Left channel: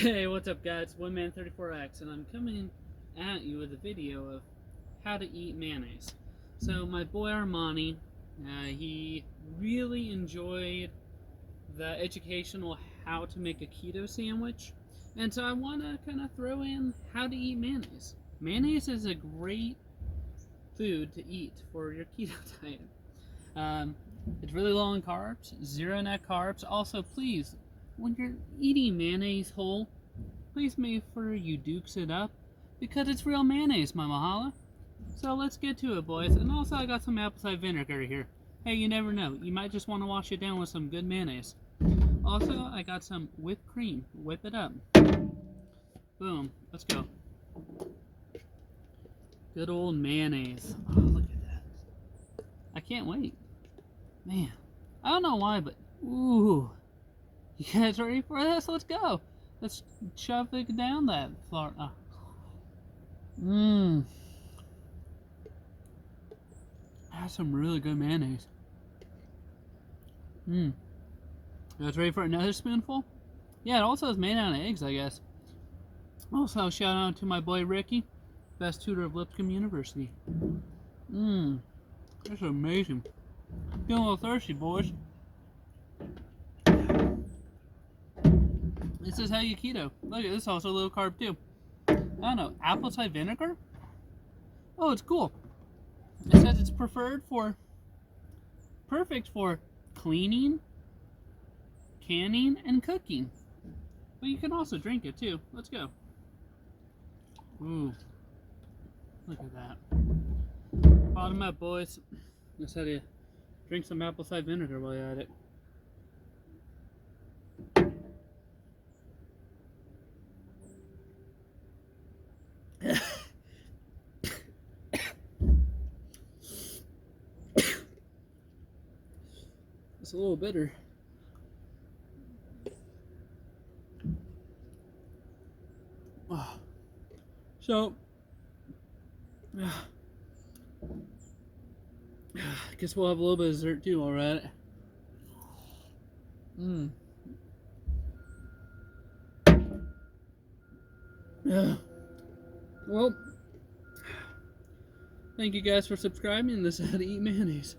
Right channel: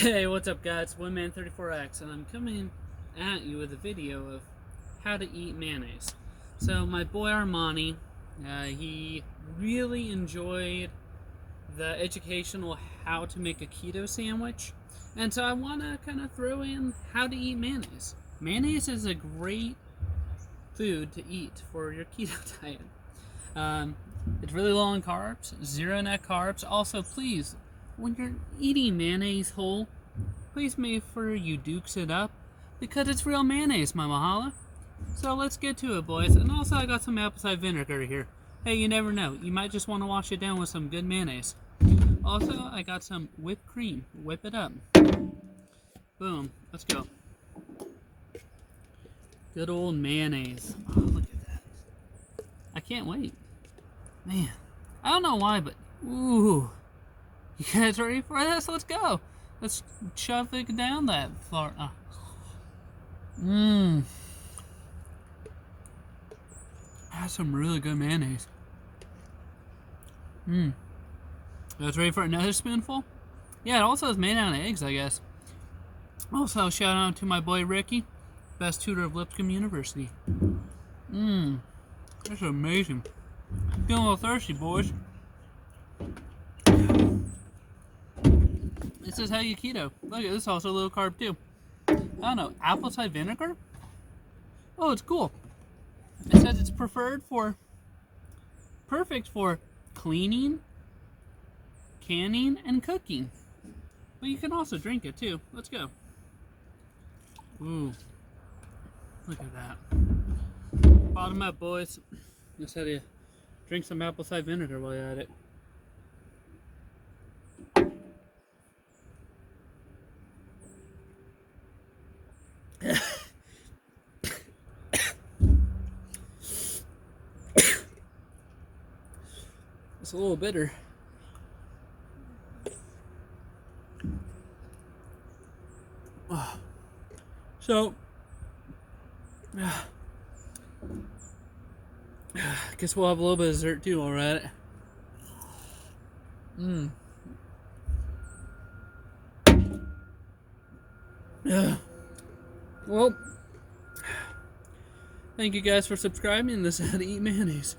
Hey, what's up guys? OneMan34X, and I'm coming at you with a video of how to eat mayonnaise. So my boy Armani, he really enjoyed the educational how to make a keto sandwich, and so I want to kind of throw in how to eat mayonnaise. Mayonnaise is a great food to eat for your keto diet. It's really low in carbs, zero net carbs. Also, please, when you're eating mayonnaise whole, please make sure you dukes it up because it's real mayonnaise, my mahala. So let's get to it, boys. And also, I got some apple cider vinegar here. Hey, you never know. You might just want to wash it down with some good mayonnaise. Also, I got some whipped cream. Whip it up. Boom. Let's go. Good old mayonnaise. Oh, look at that. I can't wait. Man. I don't know why, but ooh. You guys ready for this? Let's go. Let's shove it down that floor. That's some really good mayonnaise. You guys ready for another spoonful? Yeah, it also is made out of eggs, I guess. Also, shout out to my boy Ricky, best tutor of Lipscomb University. That's amazing. Feeling a little thirsty, boys. This is how you keto. Look at this, also low carb too. I don't know, apple cider vinegar? Oh, it's cool. It says it's perfect for cleaning, canning, and cooking. But you can also drink it too. Let's go. Ooh, look at that. Bottom up, boys. Let's have you drink some apple cider vinegar while you're at it. It's a little bitter. So, guess we'll have a little bit of dessert too, alright? Well, thank you guys for subscribing. This is how to eat mayonnaise.